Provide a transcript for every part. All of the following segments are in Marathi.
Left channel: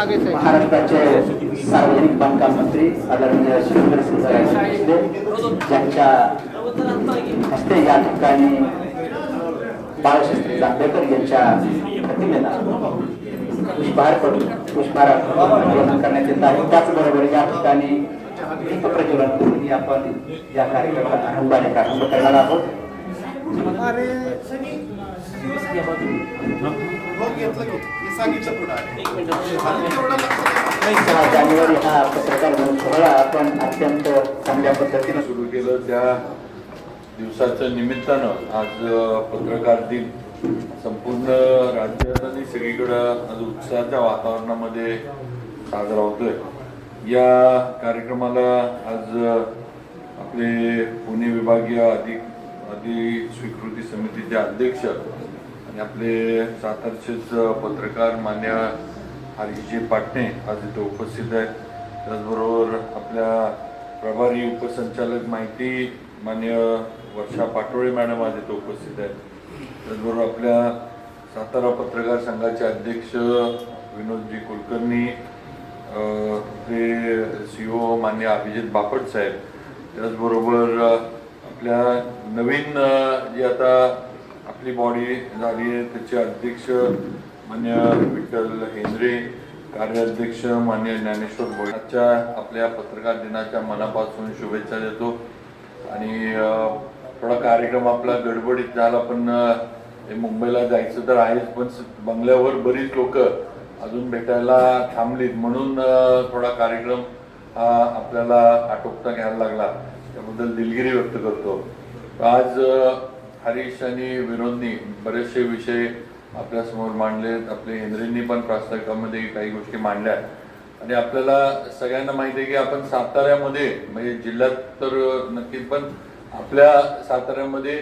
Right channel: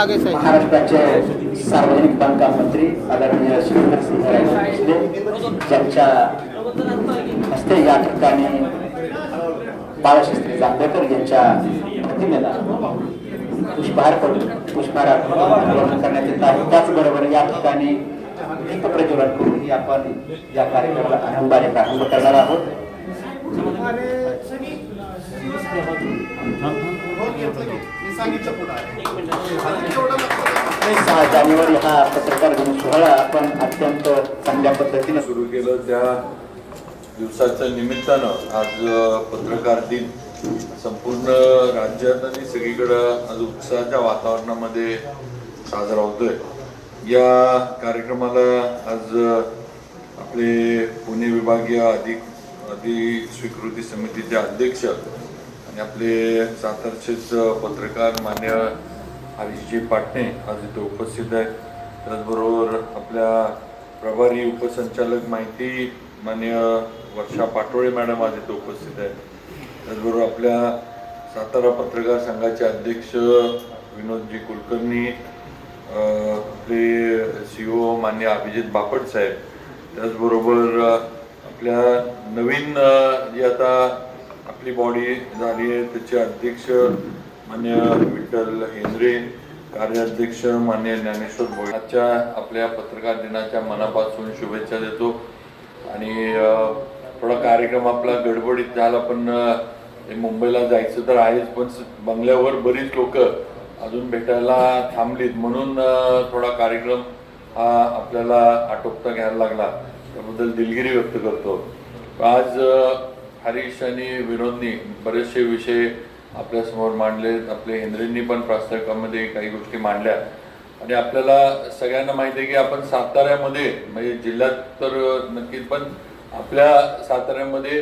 महाराष्ट्राचे सार्वजनिक बांधकाम मंत्री आदरणीय श्रीधर सिंह ज्यांच्या हस्ते या ठिकाणी बाळशास्त्री जांभेकर यांच्या प्रतिमेला पुष्पहार करून पुष्पहार करण्यात येत आहे. त्याचबरोबर या ठिकाणी दीप प्रज्वलन करून आपण या कार्यक्रमाला आरंभाने प्रारंभ करणार आहोत. जानेवारी हा पत्रकार दिन सोहळा आपण अत्यंत चांगल्या पद्धतीने सुरू केलं. त्या दिवसाच्या निमित्तानं आज पत्रकार दिन. संपूर्ण राज्यात आणि सगळीकडं आज उत्साहाच्या वातावरणामध्ये साजरा होतोय. या कार्यक्रमाला आज आपले पुणे विभागीय अधिक अधि स्वीकृती समितीचे अध्यक्ष आणि आपले सातारचेच पत्रकार मान्य हरीशजी पाटणे आज इथे उपस्थित आहेत. त्याचबरोबर आपल्या प्रभारी उपसंचालक माहिती मान्य वर्षा पाटोळे मॅडम आज इथे उपस्थित आहेत. त्याचबरोबर आपल्या सातारा पत्रकार संघाचे अध्यक्ष विनोदजी कुलकर्णी आपले सी ओ मान्य अभिजित बापट साहेब. त्याचबरोबर आपल्या नवीन जे आता आपली बॉडी झाली आहे. त्याचे अध्यक्ष मान्य विठ्ठल हेंद्रे कार्याध्यक्ष मान्य ज्ञानेश्वर भोळे आजच्या आपल्या पत्रकार दिनाच्या मनापासून शुभेच्छा देतो. आणि थोडा कार्यक्रम आपला गडबडीत झाला पण हे मुंबईला जायचं तर आहेच पण बंगल्यावर बरीच लोक अजून भेटायला थांबलीत. म्हणून थोडा कार्यक्रम हा आपल्याला आटोपता घ्यायला लागला. त्याबद्दल दिलगिरी व्यक्त करतो. आज हरीश आणि विनोदनी बरेचसे विषय आपल्यासमोर मांडले. आपले हेंद्रेंनी पण प्रास्ताविकामध्ये काही गोष्टी मांडल्या. आणि आपल्याला सगळ्यांना माहिती आहे की आपण साताऱ्यामध्ये म्हणजे जिल्ह्यात तर नक्कीच पण आपल्या साताऱ्यामध्ये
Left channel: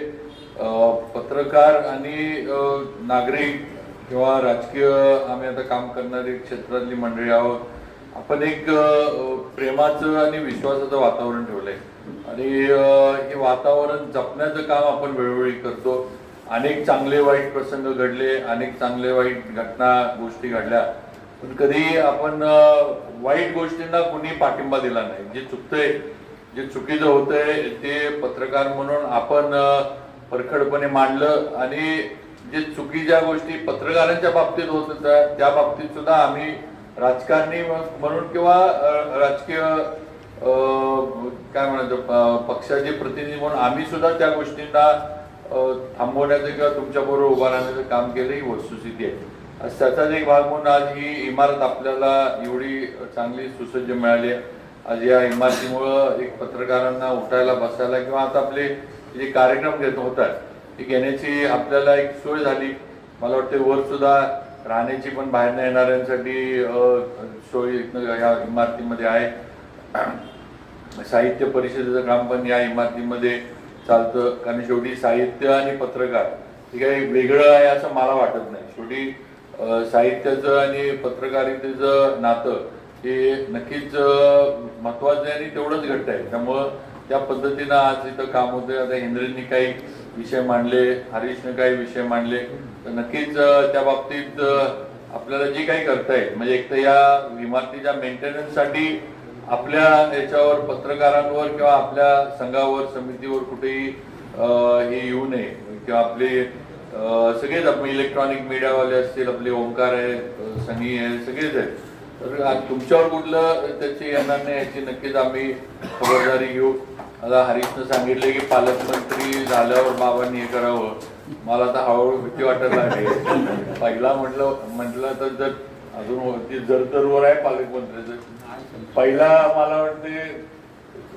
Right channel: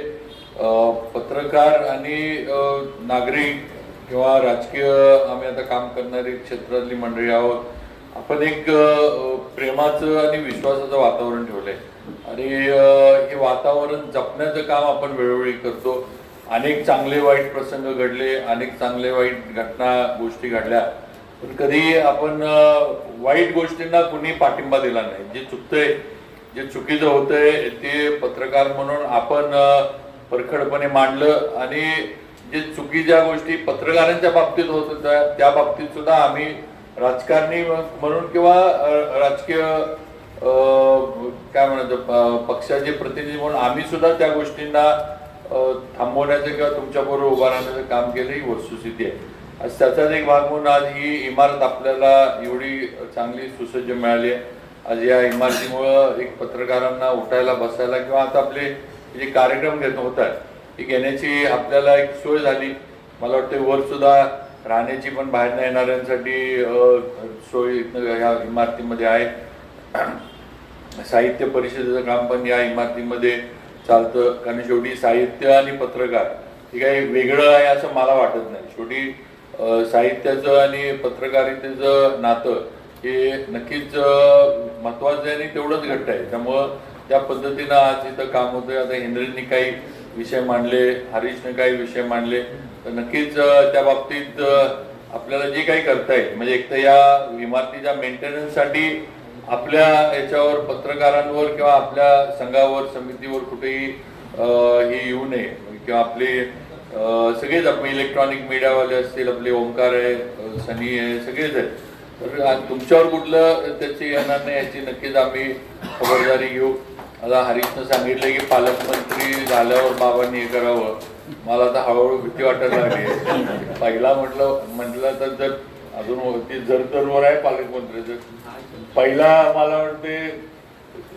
पत्रकार आणि नागरिक किंवा राजकीय आम्ही आता काम करणारी क्षेत्रातली मंडळी आहोत. आपण एक प्रेमाचं आणि विश्वासाचं वातावरण ठेवलंय. आणि हे वातावरण जपण्याचं काम आपण वेळोवेळी करतो. अनेक चांगले वाईट प्रसंग घडले अनेक चांगले वाईट घटना गोष्टी घडल्या. पण कधी आपण वाईट गोष्टींना कुणी पाठिंबा दिला नाही. जे चुकतंय जे चुकीचं होतंय ते पत्रकार म्हणून आपण परखडपणे मांडलं आणि जे चुकीच्या गोष्टी पत्रकारांच्या बाबतीत होत होत्या त्या बाबतीत सुद्धा आम्ही राजकारणी म्हणून किंवा राजकीय काय म्हणायचं प- पक्षाचे प्रतिनिधी म्हणून आम्ही सुद्धा त्या गोष्टींना थांबवण्याचं किंवा तुमच्याबरोबर उभा राहण्याचं काम केलं ही वस्तुस्थिती आहे. आज त्याचाच एक भाग म्हणून आज ही इमारत आपल्याला एवढी चांगली सुसज्ज मिळाली आहे. आज या इमारतीमुळं एक पत्रकारांना उठायला बसायला किंवा आता आपले जे कार्यक्रम घेत होतात ती घेण्याची आपल्याला एक सोय झाली. मला वाटते वर सुद्धा राहण्याची पण बाहेर न येणाऱ्यांसाठी सोय ह्या या इमारतीमध्ये आहे. साहित्य परिषदेचं काम पण या इमारतीमध्ये चालतं. कारण शेवटी साहित्य आणि पत्रकार हे काही वेगळं आहे असं मला वाटत नाही. शेवटी साहित्याचं आणि पत्रकारितेचं नातं हे नक्कीच महत्वाचं आहे आणि तेवढंच घट्ट आहे. त्यामुळं त्या पद्धतीनं आज इथं काम होतं आता इंद्रनी काही विषय मांडले हरीशने काही विषय मांडले. तर नक्कीच त्या बाबतीत आपल्याला जे काही करता येईल म्हणजे एक तर या इमारतीच्या मेंटेनन्ससाठी आपल्या याच्यावर पत्रकारांवर किंवा आपल्या संघावर समितीवर कुठेही हे येऊ नये. किंवा आपले सगळेच आपले इलेक्ट्रॉनिक मीडियावाले असतील आपले ओंकार आहे सनी आहे सगळेच आहेत. तर तुमच्यावर कुठलं त्याची येणार नाही याची नक्कीच आम्ही खबरदारी घेऊ. आता हरीशनं सांगितले की पालकमंत्री झाल्यावर बाबांनी हे करावं. मला आता हळूहळू भीती वाटायला लागली. पहिला म्हटलं म्हटलं तर जर अजून वरती जर तरवर आहे पालकमंत्र्याचं पहिला मला वाटते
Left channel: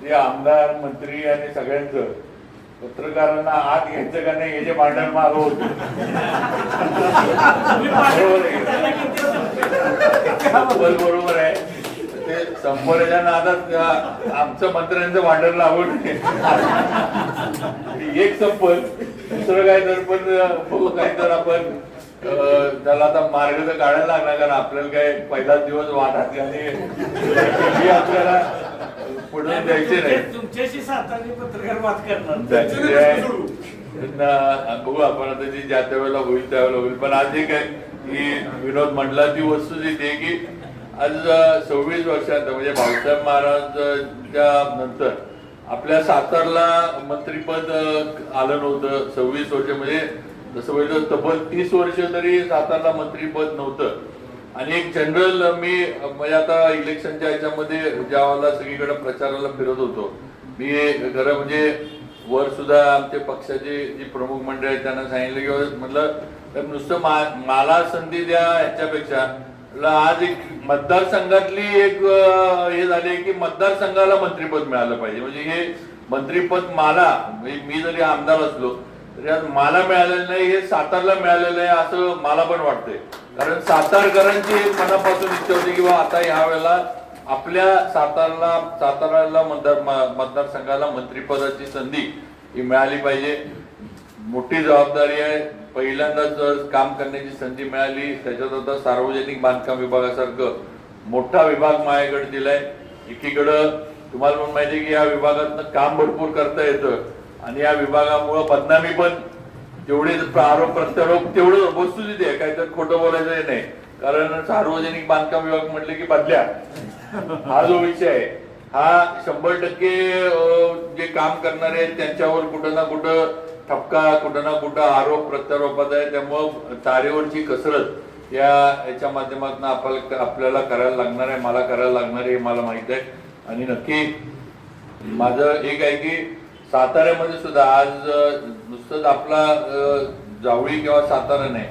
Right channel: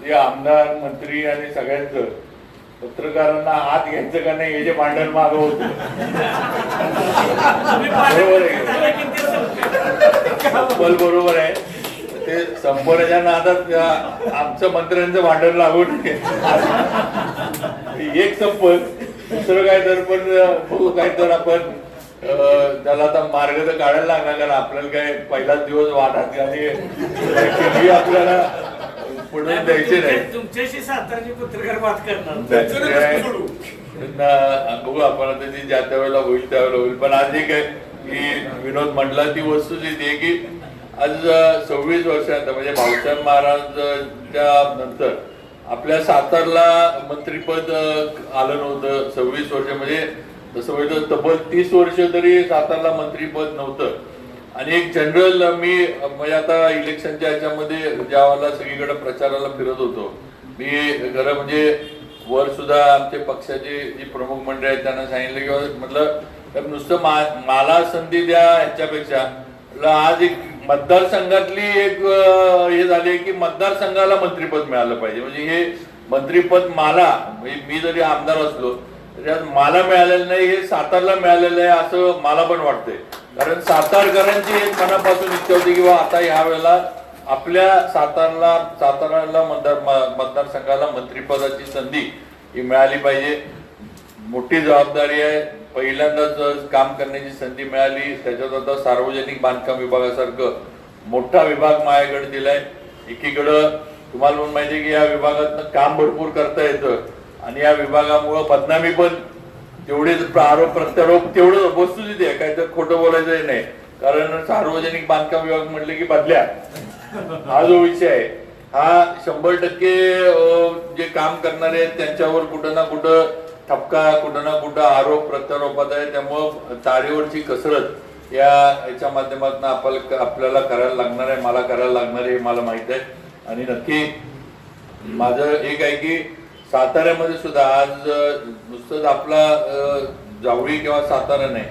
जे आमदार मंत्री आणि सगळ्यांचं पत्रकारांना आत घ्यायचं का नाही याचे भांडण मागं होतं. बरोबर आहे. ते संपवण्याच्या नादात आमचं मंत्र्यांचं भांडण लागून एक संपल दुसरं काय तर पण बघू काय तर आपण त्याला आता मार्ग तर काढायला लागणार कारण आपल्याला काय पहिलाच दिवस वाढत आणि आपल्याला पुढे द्यायचे नाही. तुमच्या- तुमच्याशी सातारची पत्रकार बात करणार. बघू आपण आता जे ज्या त्या वेळेला होईल त्यावेळेला होईल. पण आज एक आहे जी विनोद म्हणला ती वस्तुस्थिती आहे की आज सव्वीस वर्षात म्हणजे भाऊसाहेब महाराजच्या नंतर आपल्या सातारला मंत्रीपद आलं नव्हतं सव्वीस वर्ष म्हणजे जसं म्हणजे तब्बल तीस वर्ष तरी सातारला मंत्रीपद नव्हतं. आणि एक जनरल मी म्हणजे आता इलेक्शनच्या ह्याच्यामध्ये ज्या वेळेला सगळीकडे प्रचाराला फिरत होतो. मी खरं म्हणजे वर सुद्धा आमचे पक्षाचे जे प्रमुख मंडळ आहेत त्यांना सांगितलं की म्हटलं तर नुसतं मा- मला संधी द्या ह्याच्यापेक्षा. आज एक मतदारसंघातली एक हे झाले की मतदारसंघाला मंत्रीपद मिळालं पाहिजे. म्हणजे हे मंत्रीपद मला म्हणजे मी जरी आमदार असलो मला मिळालेलं नाही हे सातारला मिळालेलं आहे असं मला पण वाटतंय. कारण सातारकरांची एक मनापासून इच्छा होती किंवा आता ह्या वेळेला आपल्या सातारला साताराला मतदार मतदारसंघाला मंत्रिपदाची संधी ही मिळाली पाहिजे. मोठी जबाबदारी आहे. पहिल्यांदाच काम करण्याची संधी मिळाली. त्याच्यात आता सार्वजनिक बांधकाम विभागासारखं मोठा विभाग माझ्याकडे दिलाय. एकीकडं तुम्हाला पण माहिती की या विभागातनं काम भरपूर करता येतं. आणि या विभागामुळं बदनामी पण जेवढे आरोप प्रत्यारोप तेवढं वस्तुस्थिती आहे. काय तर खोटं बोलायचंही नाही. कारण सार्वजनिक बांधकाम विभाग म्हटले की बदल्या. हा जो विषय आहे हा शंभर टक्के जे काम करणारे आहेत त्यांच्यावर कुठं ना कुठं ठपका कुठं ना कुठं आरोप प्रत्यारोपात आहे. त्यामुळं तारेवरची कसरत या याच्या माध्यमातून आपल्याला आपल्याला करायला लागणार आहे मला करायला लागणार आहे हे मला माहीत आहे. आणि नक्की माझं एक आहे की साताऱ्यामध्ये सुद्धा आज नुसतंच आपला जावळी किंवा सातारा नाही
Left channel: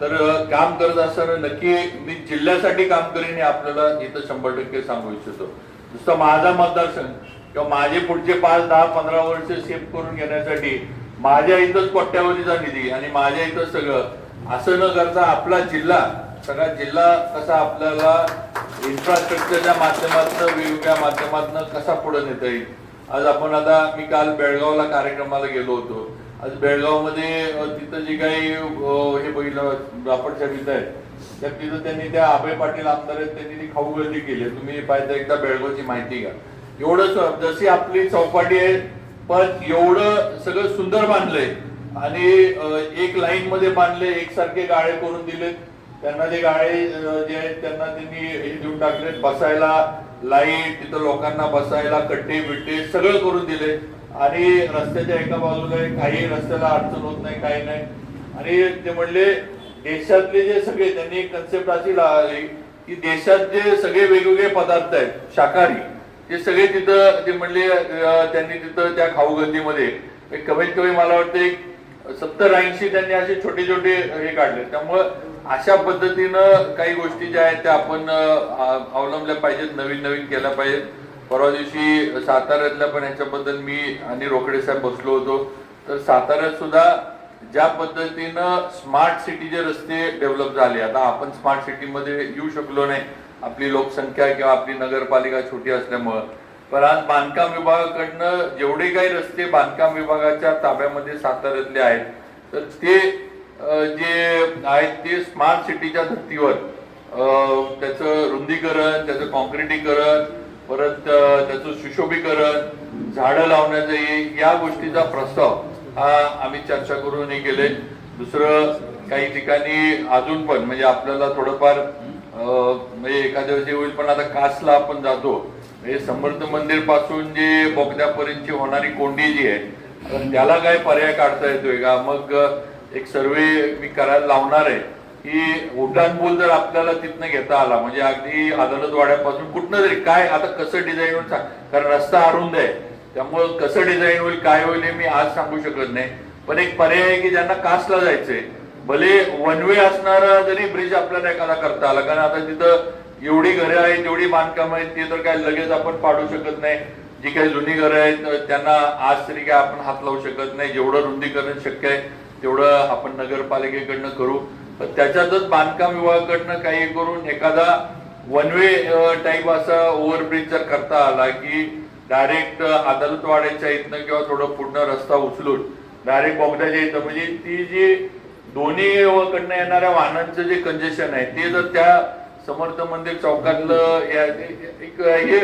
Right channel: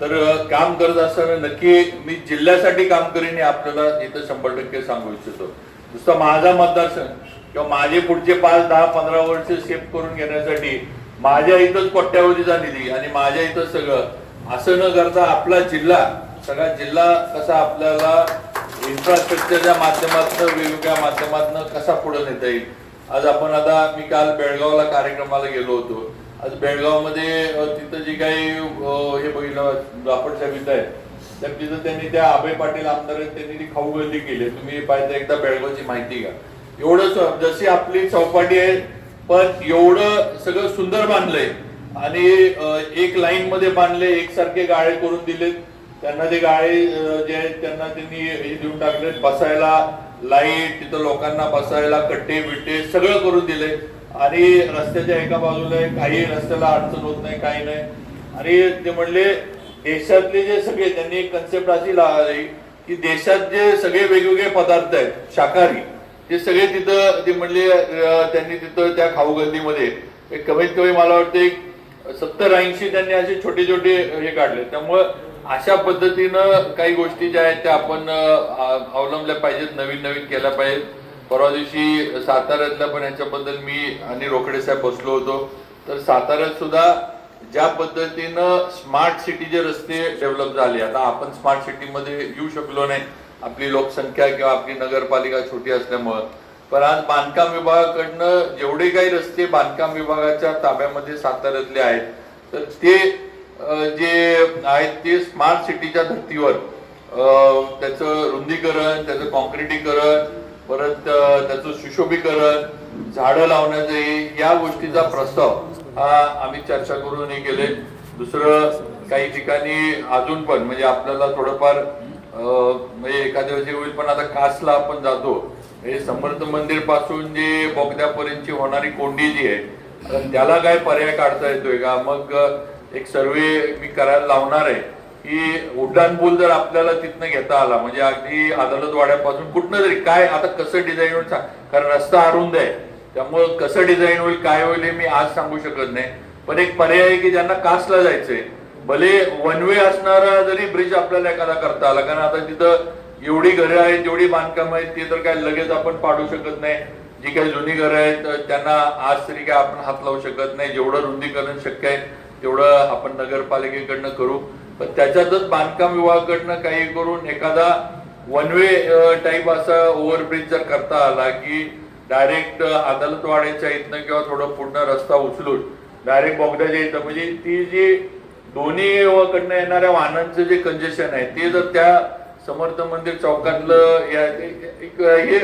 तर काम करत असताना नक्की मी जिल्ह्यासाठी काम करीन हे आपल्याला इथं शंभर टक्के सांगू इच्छितो. नुसतं माझा मतदारसंघ किंवा माझे पुढचे पाच दहा पंधरा वर्ष सेफ करून घेण्यासाठी माझ्या इथंच कोट्यावधीचा निधी आणि माझ्या इथं सगळं. असं न करता आपला जिल्हा सगळा जिल्हा कसा आपल्याला इन्फ्रास्ट्रक्चरच्या माध्यमातून वेगवेगळ्या माध्यमातून कसा पुढे नेता येईल? आज आपण आता मी काल बेळगावला कार्यक्रमाला गेलो होतो. आज बेळगावमध्ये तिथं जे काही हे बघितलं बापट साहेब आहे तर तिथं त्यांनी त्या अभय पाटील आमदार आहेत त्यांनी ती खाऊ गर्दी केली तुम्ही पाहिजे एकदा बेळगावची माहिती घ्या. एवढं जशी आपली चौपाटी आहे पण एवढं सगळं सुंदर बांधलंय. आणि एक लाईन मध्ये बांधले एकसारखे गाळे करून दिलेत. त्यांना ते गाळे जे आहेत त्यांना त्यांनी हे देऊन टाकले बसायला. लाइट तिथं लोकांना बसायला कट्टे बिट्टे सगळं करून दिले. आणि रस्त्याच्या एका बाजूला काही रस्त्याला अडचण होत नाही काही नाही. आणि ते म्हणले देशातले जे सगळे त्यांनी कन्सेप्ट अशी लावली की देशात जे सगळे वेगवेगळे पदार्थ आहेत शाकाहारी ते सगळे तिथं ते म्हणले त्यांनी तिथं त्या खाऊगंदीमध्ये. कमीत कमी मला वाटतं एक सत्तर ऐंशी त्यांनी असे छोटे छोटे हे काढले. त्यामुळं अशा पद्धतीनं काही गोष्टी ज्या आहेत त्या आपण अवलंबल्या पाहिजेत नवीन नवीन केल्या पाहिजेत. परवा दिवशी साताऱ्यातल्या पण याच्याबद्दल मी आणि रोकडे साहेब बसलो होतो. तर साताऱ्यात सुद्धा ज्या पद्धतीनं स्मार्ट सिटीचे रस्ते डेव्हलप झाले आता आपण स्मार्ट सिटीमध्ये येऊ शकलो नाही आपली लोकसंख्या किंवा आपली नगरपालिका छोटी असल्यामुळं. पण आज बांधकाम विभागाकडनं जेवढे काही रस्ते बांधकाम विभागाच्या ताब्यामध्ये साताऱ्यातले आहेत तर ते जे आहेत ते स्मार्ट सिटीच्या धर्तीवर. त्याचं रुंदीकरण त्याचं कॉन्क्रिटीकरण परत त्याचं सुशोभीकरण झाडं लावण्याचं या गोष्टीचा प्रस्ताव हा आम्ही चर्चा करून हे केले. दुसरं काही ठिकाणी अजून पण म्हणजे आपल्याला थोडंफार म्हणजे एखाद्या वेळी होईल पण आता कासला आपण जातो. म्हणजे समर्थ मंदिरपासून जे बोगद्यापर्यंतची होणारी कोंडी जी आहे त्याला काय पर्याय काढता येतोय का? मग एक सर्वे मी करायला लावणार आहे की उड्डाणपूल जर आपल्याला तिथनं घेता आला म्हणजे अगदी अदालत वाड्यापासून कुठनं तरी काय आता कसं डिझाईन होईल कारण रस्ता अरुंद आहे त्यामुळं कसं डिझाईन होईल काय होईल हे मी आज सांगू शकत नाही. पण एक पर्याय आहे की ज्यांना कासला जायचंय भले वन वे असणारा जरी ब्रिज आपल्याला एखादा करता आला कारण आता तिथं एवढी घरं आहेत जेवढी बांधकाम आहेत ती तर काय लगेच आपण पाडू शकत नाही. जी काही जुनी घरं आहेत त्यांना आज तरी काय आपण हात लावू शकत नाही जेवढं रुंदीकरण शक्य आहे तेवढं आपण नगरपालिकेकडनं करू तर त्याच्यातच बांधकाम विभागाकडनं काही करून एखादा वन वे टाईप असा ओव्हरब्रिज जर करता आला की डायरेक्ट अदालतवाड्याच्या इथनं किंवा थोडं पूर्ण रस्ता उचलून डायरेक्ट बोगद्याच्या इथं म्हणजे ती जी दोन्ही कडनं येणाऱ्या वाहनांचं जे कंजेशन आहे ते जर त्या समर्थ मंदिर चौकातलं या एक हे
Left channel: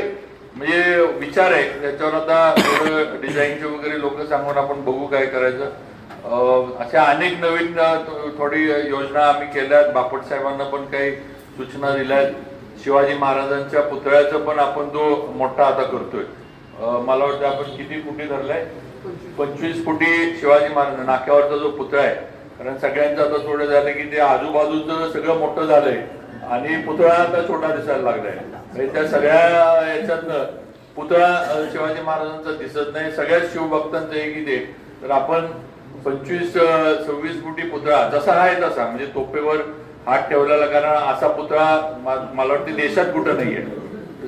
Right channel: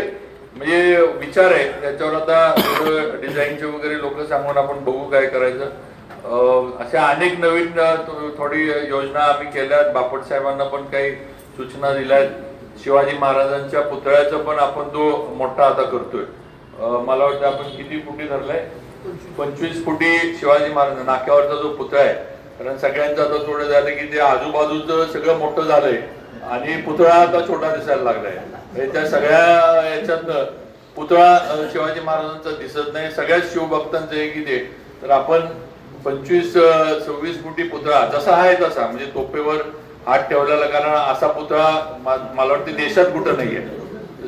म्हणजे विचार आहे. त्याच्यावर आता डिझाईनचे वगैरे लोक सांगून आपण बघू काय करायचं. अशा अनेक नवीन थोडी योजना आम्ही केल्यात बापट साहेबांना पण काही सूचना दिल्या आहेत. शिवाजी महाराजांच्या पुतळ्याचं पण आपण तो मोठा आता करतोय. मला वाटतं आपण किती फुटी धरलाय? पंचवीस फुटी शिवाजी महाराज नाक्यावरचा जो पुतळा आहे. कारण सगळ्यांचं आता थोडं झालं की ते आजूबाजूचं सगळं मोठं झालंय. आणि पुतळा आता छोटा दिसायला लागलाय. त्या सगळ्या याच्यातनं पुतळा शिवाजी महाराजांचा दिसत नाही. सगळ्याच शिवभक्तांचं आहे की ते तर आपण पंचवीस सव्वीस फुटी पुतळा जसा आहे तसा म्हणजे तोपेवर हात ठेवलेला कारण असा पुतळा मला वाटतं देशात कुठं नाहीये.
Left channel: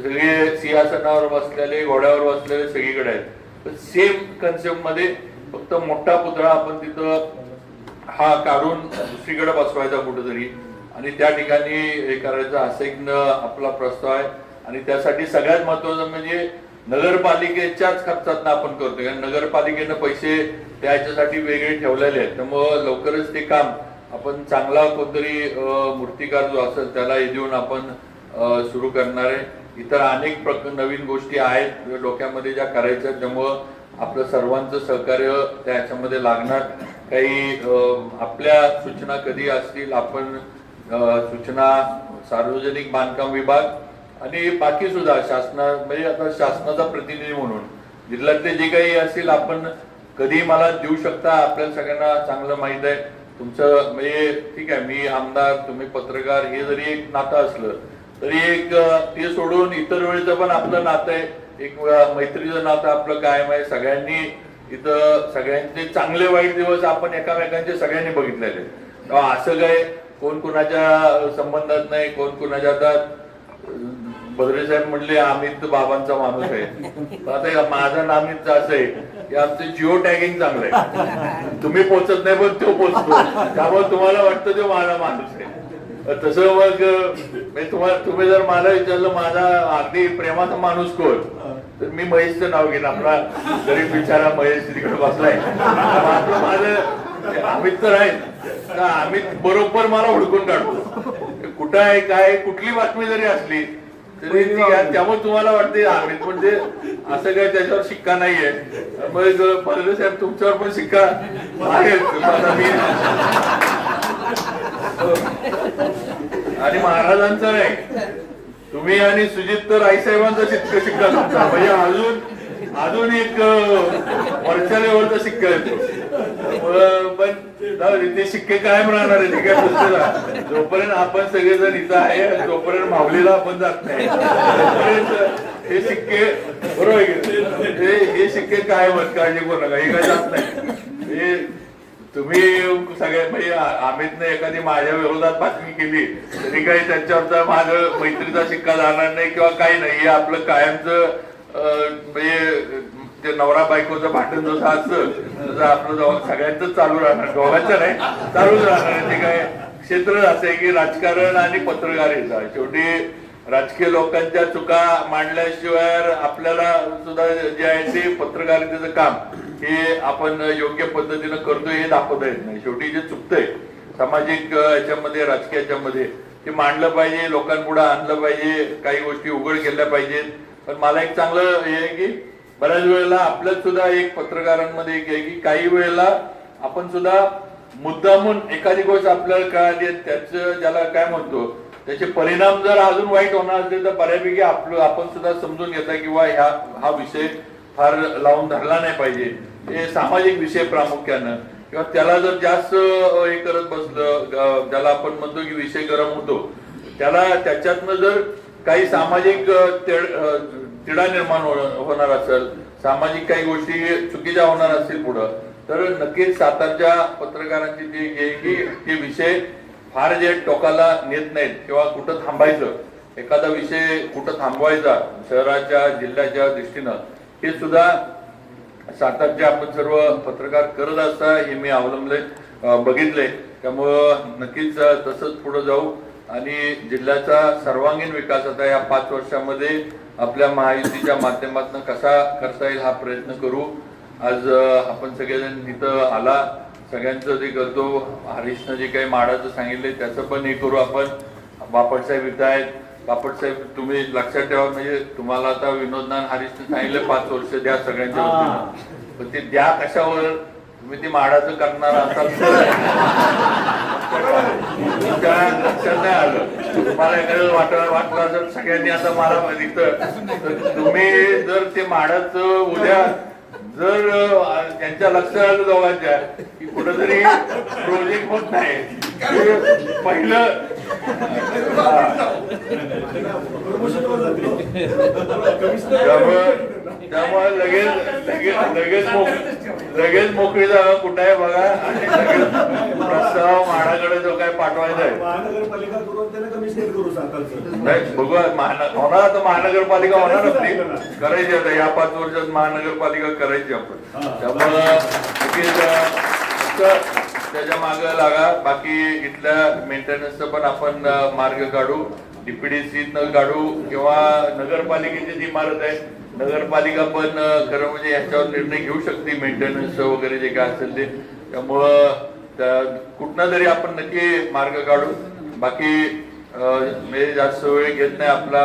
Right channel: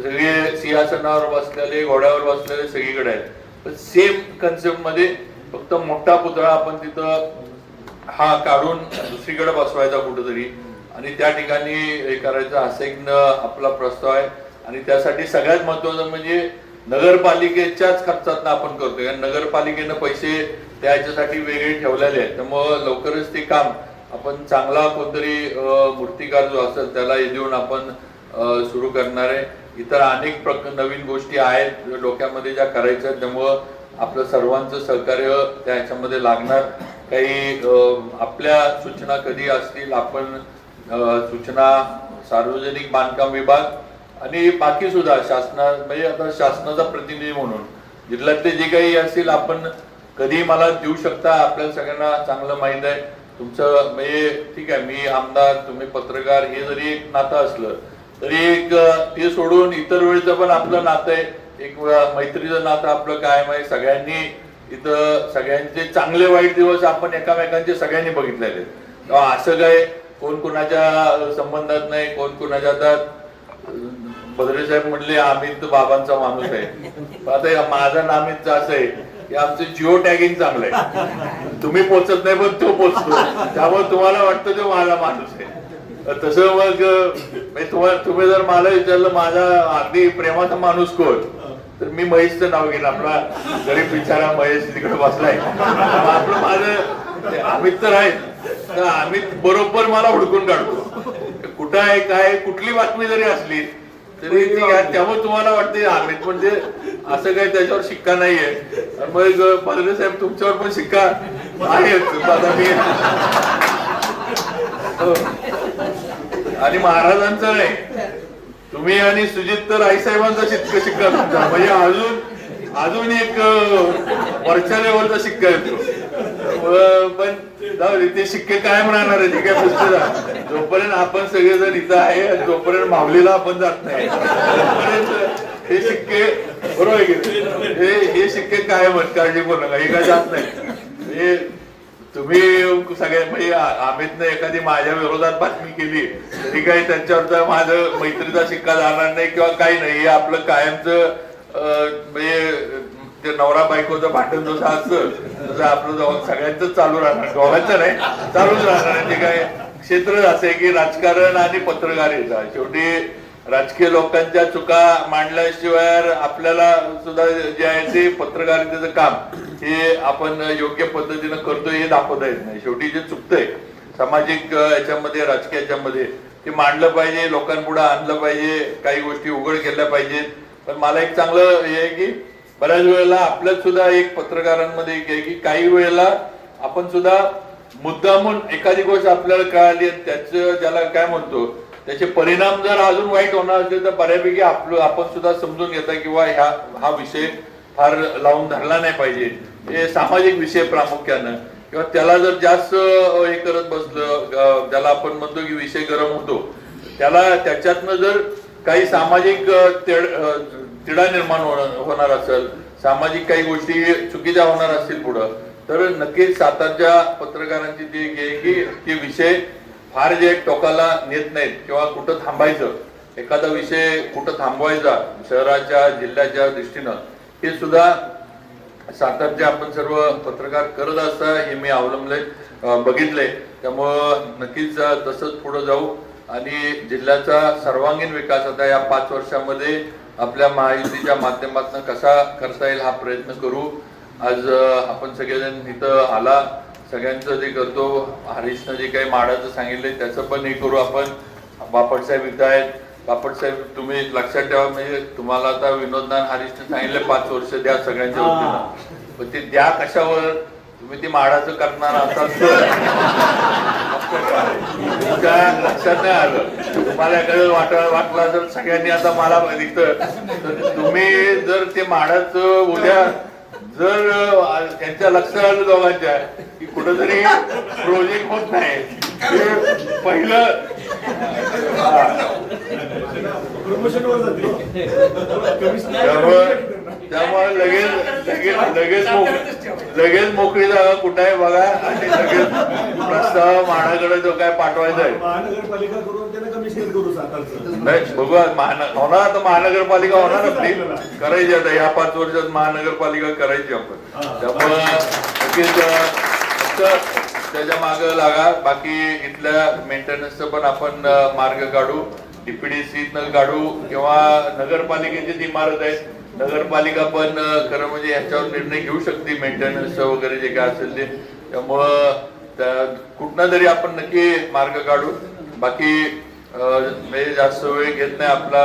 सगळे सिंहासनावर बसलेले घोड्यावर बसलेले सगळीकडे आहेत. सेम कन्सेप्टमध्ये फक्त मोठा पुतळा आपण तिथं हा काढून दुसरीकडे बसवायचा कुठेतरी. आणि त्या ठिकाणी हे करायचं असं एक आपला प्रस्ताव आहे. आणि त्यासाठी सगळ्यात महत्वाचं म्हणजे नगरपालिकेच्याच खर्चात आपण करतोय. नगरपालिकेनं पैसे त्याच्यासाठी वेगळे ठेवलेले आहेत. त्यामुळं लवकरच ते काम आपण चांगला कोणतरी मूर्तिकार जो असेल त्याला देऊन आपण सुरू करणार आहे. इतर अनेक प्रक नवीन गोष्टी आहेत डोक्यामध्ये ज्या करायच्या त्यामुळं आपलं सर्वांचं सहकार्य त्या लागणार. काही आपल्या सूचना कधी असतील आपण सूचना सार्वजनिक बांधकाम विभाग आणि बाकी सुद्धा शासना म्हणजे आता शासनाचा प्रतिनिधी म्हणून. जिल्ह्यातले जे काही असतील आपण कधी मला देऊ शकता? आपल्याला सगळ्यांना चांगलं माहीत आहे. तुमचं म्हणजे ठीक आहे मी आमदार तुम्ही पत्रकार हे जरी एक नातं असलं तरी एक ते सोडून इतर वेळेचं पण आपलं नातं आहे. एक मैत्रीचं नातं आपलं कायम आहे. सगळ्यांनी तिथं सगळ्यांचे चांगले वाईट दिवस आपण एकामेकांचे सगळ्यांनी बघितलेले असं काय कोण कोणाच्या संबंधात नाही कोण कोणाच्या आता भद्रे साहेब म्हणले अमित बाबांचा माणूस आहे. आता माझं नामित असं आहे आमचं जिओ टॅगिंग चांगलं आहे तुम्ही पोचत नाही पण तो पोचतो. त्यामुळे तुम्हाला वाटतं तो माझा माणूस आहे. तसं मग तुम्हाला तुम्ही जर मला विचारलं माझा अगदी प्रेमाचा माणूस कोण? तर मी महेशचं नाव घेईन. आपला जरी बिचारा महेश तिकडे बसलाय. आपलं माझं अमित तर आहे. तर अमित बरोबर मला हुडकून काढतो. कुठं आहे काय कुठली बातमी जरी असली तरी ती घ्या त्यामुळे तुम्हाला वाटते नागरिक म्हणजे असं काही त्याच्यावर शिक्का नाहीये. मग पालवे साहेब तुमच्यावर पण शिक्का आहे आणि महाराजांचं नाही. तुम्ही आणि सुजित तर आईसाहेबांचा शिक्का शिक्का म्हणजे अजून अजून एक अं, वरच्या लेवलचा शिक्का येतो. पण ते शिक्के कायम राहणार आहे? काय पुस्तक जोपर्यंत आपण सगळेजण इथं आहे तोपर्यंत माऊलीला आपण जात नाही. तोपर्यंत हे शिक्के बरोबर हे शिक्के कायम आहेत काळजी करू नका हे काय जात नाही. म्हणजे तुम्ही सगळ्या म्हणजे अमितने एखादी माझ्या विरोधात बातमी केली तरी काही त्यांच्यावरचा माझं मैत्रीचा शिक्का जाणार नाही किंवा काही नाही हे आपलं कायमचं म्हणजे ते नवरा बायकोचं भांडण जसं असतं तसं आपलं जवळ सगळ्यांच चालू राहणार. गोव्याचं नाही चालूच राहणार. ते काय क्षेत्र असं आहे की राजकारण आणि पत्रकारिता शेवटी राजकीय लोकांच्या चुका मांडल्याशिवाय आपल्याला सुद्धा जे आहे ते पत्रकारितेचं काम हे आपण योग्य पद्धतीनं करतोय हे दाखवता येत नाही. शेवटी जे चुकतंय सामाजिक याच्यामध्ये राजकीय याच्यामध्ये ते मांडलं पाहिजे लोकांपुढे आणलं पाहिजे काही गोष्टी उघड केल्या पाहिजेत. पण मला एक चांगलं हे आहे की बऱ्याच वेळेला आपल्यात सुद्धा एक पत्रकारांमध्ये की काही वेळेला आपण सुद्धा मुद्दामून एखादी गोष्ट आपल्याला कळाली त्याचं ज्याला काय म्हणतो त्याचे परिणाम जर अजून वाईट होणार असले तर बऱ्यापैकी आपलं आपण सुद्धा समजून घेता किंवा ह्या हा विषय फार लावून धरला नाही पाहिजे. हे सामाजिक विषय प्रामुख्यानं. किंवा त्याला जर जास्त हे करत बसलं ज्याला आपण म्हणतो की विषय गरम होतो त्याला त्याच्यातनं जर काही सामाजिक तिढा निर्माण होणार होणार असेल सामाजिक काही गोष्टी चुकीच्या होणार असतील पुढं तर नक्कीच सातारच्या पत्रकारांची जी एक की ते विषय फार जे टोकाला नेत नाहीत किंवा कुठं थांबायचं एखादा विषय कुठं थांबवायचा शहराच्या जिल्ह्याच्या दृष्टीनं हे सुद्धा सातारचे आपण सर्व पत्रकार करत असता हे मी अवलंबले बघितले. त्यामुळं नक्कीच तसंच पुढे जाऊ. आणि जिल्ह्याचा सर्वांगीण विकास आता या पाच वर्षामध्ये आपल्या महायुतीच्या माध्यमातून कसा करता येईल हा प्रयत्न करू. आज आपण सगळेजण इथं आला. सगळ्यांचं जे करतो हरीशनं जे काही माडाचं सांगितलंय त्याचं पण हे करू आपण. बापटसाहेब इथं आहेत. बापटसाहेब तुम्ही लक्षात ठेवा म्हणजे तुम्हाला आता विनोदनान हरीशने सांगितलं पाच वर्ष द्या सगळ्यांच्या पण ते द्या कशावर? तुम्ही ती माडाचं करणार असाल तर लक्षात नाही आलं. तुम्हाला एखादं वाट वाटलं जर सगळ्यांनी आता मला बघितलं. तर तुम्ही जर ते माडाचं उद्या जर त्यांच्या लक्षात आलं दोघांच्या की कुठंतरी प्रोजेक्ट होत नाही. पहिलं त्यामुळे त्यामुळे लगेच लगेच लगेच लगेच मोकळी जागा कुठं आहे बघा. प्रस्ताव माडाकडे जो काय पाठवायचा आहे. बघू होणार आता महानगरपालिका होणार आपली. करायची आता. या पाच वर्षात महानगरपालिका करायची आपण. त्यामुळं त्याच्या माग लागा. बाकी इथल्या मेंटेनन्सचं पण आपण मार्ग काढू. डीपीडीसी काढू. किंवा नगरपालिकेची जी इमारत आहे नगरपालिका पण खरं म्हणजे याच्यावर निर्णय घेऊ शकते मेंटेनन्स वगैरे जे काय असेल ते. त्यामुळं त्या- तरी आपण नक्की मार्ग काढू. बाकी अं, जास्त वेळ घेत नाही आपला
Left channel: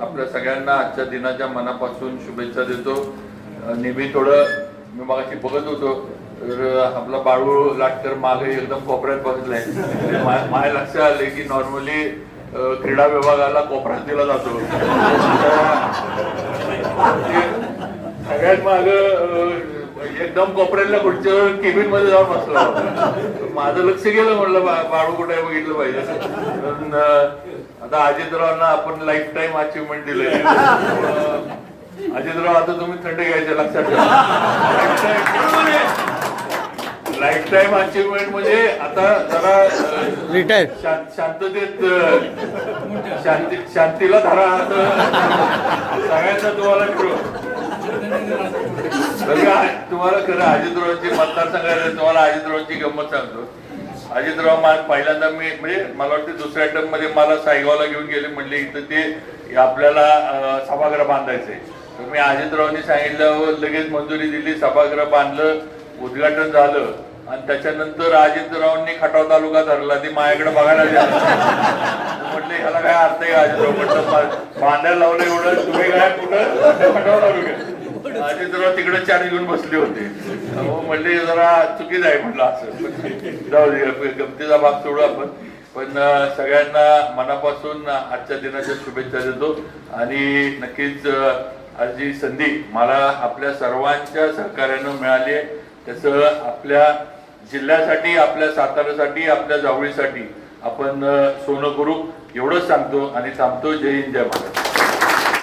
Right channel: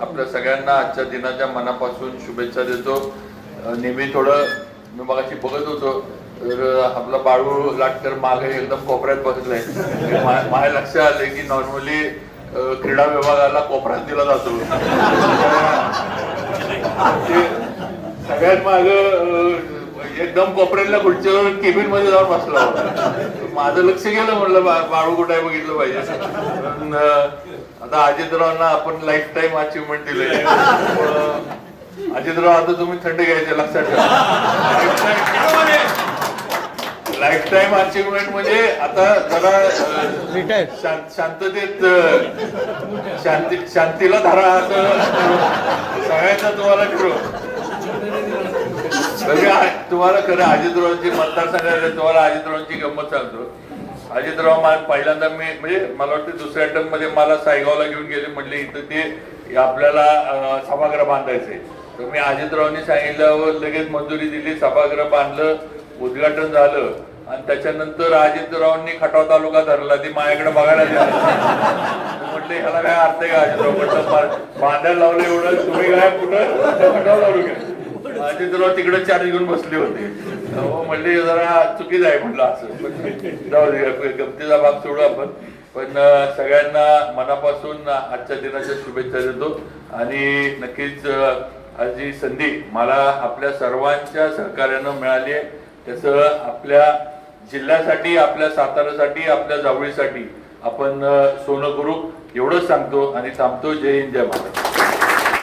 आपल्या सगळ्यांना आजच्या दिनाच्या मनापासून शुभेच्छा देतो. नेहमी थोडं मी मगाशी बघत होतो तर आपला बाळू लाटकर मागे एकदम कोपऱ्यात बसलाय. माझ्या लक्षात आले की नॉर्मली क्रीडा विभागाला कोपऱ्यात दिला जातो. सगळ्यात माग एकदम कोपऱ्यातल्या खुर्चीवर केबिनमध्ये जाऊन बसला. होता माझं लक्ष गेलं म्हणलं बाळू कुठे बघितलं पाहिजे. आता अजितरावांना आपण लाईफ टाईम अचिव्हमेंट दिले अजितराव आता तुम्ही थंड घ्यायचे लक्षात ठेवा. लाईफ टाईम अचिव्हमेंट म्हणजे आता जरा शां- शांततेत शांती शांतीला धरा असं सगळ्यांना तुम्हाला तुम्हाला खरं अजितरावांची मतदारसंघात तुम्हाला अजितरावांची गंमत सांगतो. अजितराव मा- पहिल्यांदा मी म्हणजे मला वाटतं दुसऱ्या टर्ममध्ये मला सायगावला घेऊन गेले म्हणले इथं ते आपल्याला सभागृह बांधायचंय. तर मी अजितरावांनी सांगितल्यावर लगेच मंजुरी दिली सभागृह बांधलं उद्घाटन झालं. आणि त्याच्यानंतर अजितरावांनी खटाव तालुका धरला. ते माझ्याकडे बघायला म्हटले ह्याला काय अर्थ आहे? अजितराव म्हटलं बांधायला लावलं एवढं. तुम्ही काय कुठं खटाव तालुक्यात अजितराव तिकडे चार्ज घेऊन बसले होते. म्हणले जरा चुकीच आहे म्हटलं असं. जाऊ दे गमतीचा भाग सोडू आपण. पण सगळ्यांना मनापासून आजच्या दिनाच्या शुभेच्छा देतो. आणि नक्कीच आज जी संधी मला आपल्या सर्वांच्या सहकार्यानं मिळाली आहे. त्याचं आपल्या जिल्ह्यासाठी आपल्या साताऱ्यासाठी आपल्या जावळीसाठी आपण सोनं करू एवढंच सांगतो आणि थांबतो जय हिंद जय महाराष्ट्र.